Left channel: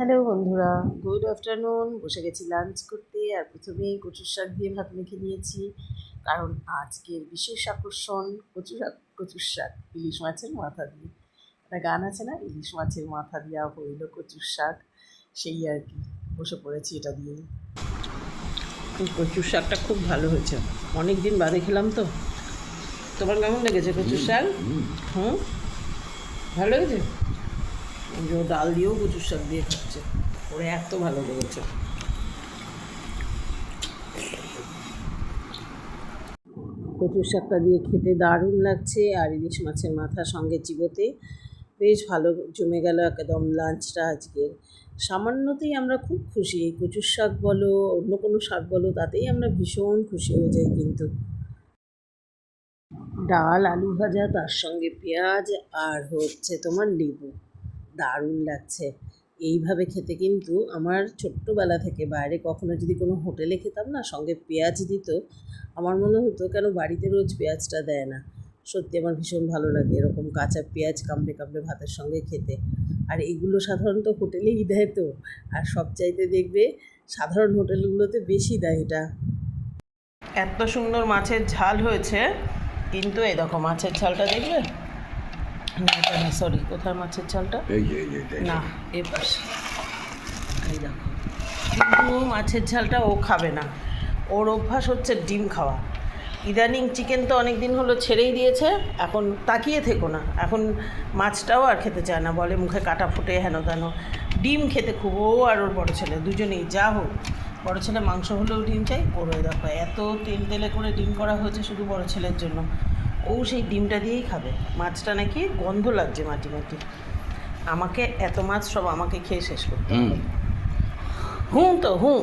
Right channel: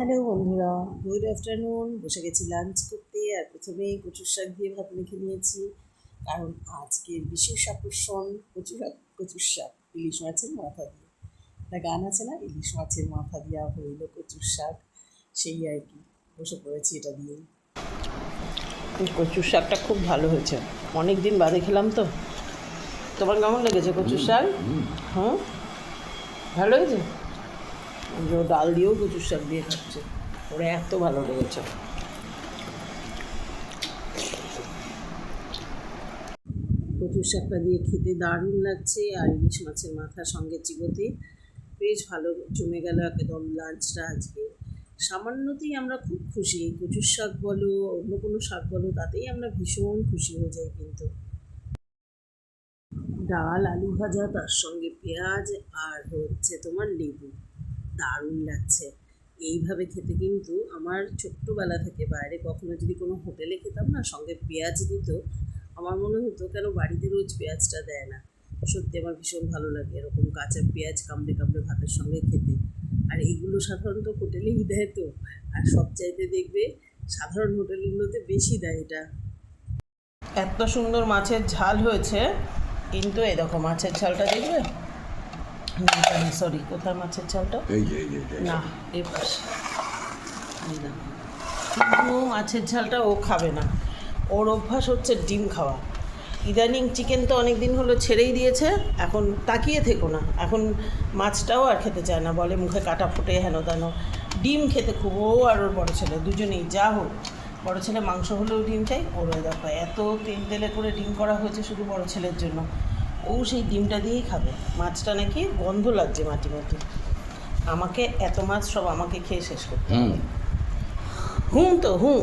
Hello বন্ধুরা, good afternoon. বসে গেছি লাঞ্চ করতে। আর প্রথমেই কচুর শাক দিয়ে ভাত মেখে নিয়েছি, কারণ আজকের বিশেষ আকর্ষণ কচুর শাক ইলিশ মাছের মাথা দিয়ে। একটা গান আছে না, ইলিশ মাছের মাথা দিয়া হইল কচুর শাক, সেই আর কি। বসে পড়েছি এটা দিয়েই। কচুর শাকটা খুব ভালো হয়েছে, অনেক দিন বাদে খেলাম তো। তোমার কেমন লেগেছে কচুর শাক? হুম, ভালো হয়েছে। ডাল দিয়েও কচুর শাক দিয়ে খাচ্ছে, ওরা এত ভালো লেগেছে। কচুর শাকটা দিয়ে খেতে দারুণ লাগছে, আর ইলিশ মাছের মাথার সঙ্গে চিবোতে বেশ ভালো জমে গেল একদম লাঞ্চটা আজকের। সামান্যতেই আমরা খুব খুশি, এই কচুর শাক বলো অন্য কোনো শাক বলো, তাতেই আমরা ভীষণ খুশি হয়ে যাই। কিন্তু ডাল, আলু ভাজা, তার সঙ্গে পেঁয়াজ, আর হচ্ছে তোমার লেবু, দারুণ লাগছে। এইভাবে খেতে কিন্তু আমার ছোট্টবেলা থেকে বাইরে কখনো যদি কোনো হোটেলে খেতাম না, সঙ্গে পেঁয়াজ দিত, আমার মনে হতো কেন বাড়িতে রোজ পেঁয়াজটা দেয় না। সত্যি আমার ভীষণ ভালো লাগে এরকম কাঁচা পেঁয়াজ কামড়ে কামড়ে ভাতের সঙ্গে খেতে। আর এইগুলো সাধারণত হোটেলেই দেয় তো, আর সবচাইতে দেখবে সাধারণ হোটেলগুলোতে বেশি দেয় এটা। এত সুন্দর মাছের ঝাল হয়েছে, কিন্তু এই দেখো মাছের ঝালটা দেখবে, সরি কোথায় মাছের ঝালটা, না এই পাশে, এই দেখো। কিন্তু মাছের ঝালটা ও খাবে না, ওর অভ্যাস হচ্ছে ডিম খাওয়া। ইদানিং চিকেন তো অনেক দিন হলো ছেড়েই দিয়েছে, এখন তাকিয়ে থেকো না, এখন মাছটাও আর খেতে চায় না, বলে মুখে কাটা ফুটে হেন তেন। ডিম খেতে খুব, ও আর ওর বড়ো ছেলে দুজনেই যা হোক, বড়ো ছেলে মাংস হলেও ডিম চাই, ওর দেখো এত তেল তেলে করে ডিম করা হয়েছে শুধু বড়ো ছেলের জন্য, ও সেই ডিমটা দিয়েই খাবে। মাছটা নাকি গন্ধ লাগছে মাটি মাটি, আমাকে এত মাছ সব আমাকে খেয়ে শেষ করতে হবে। হুঁ তো হুঁ।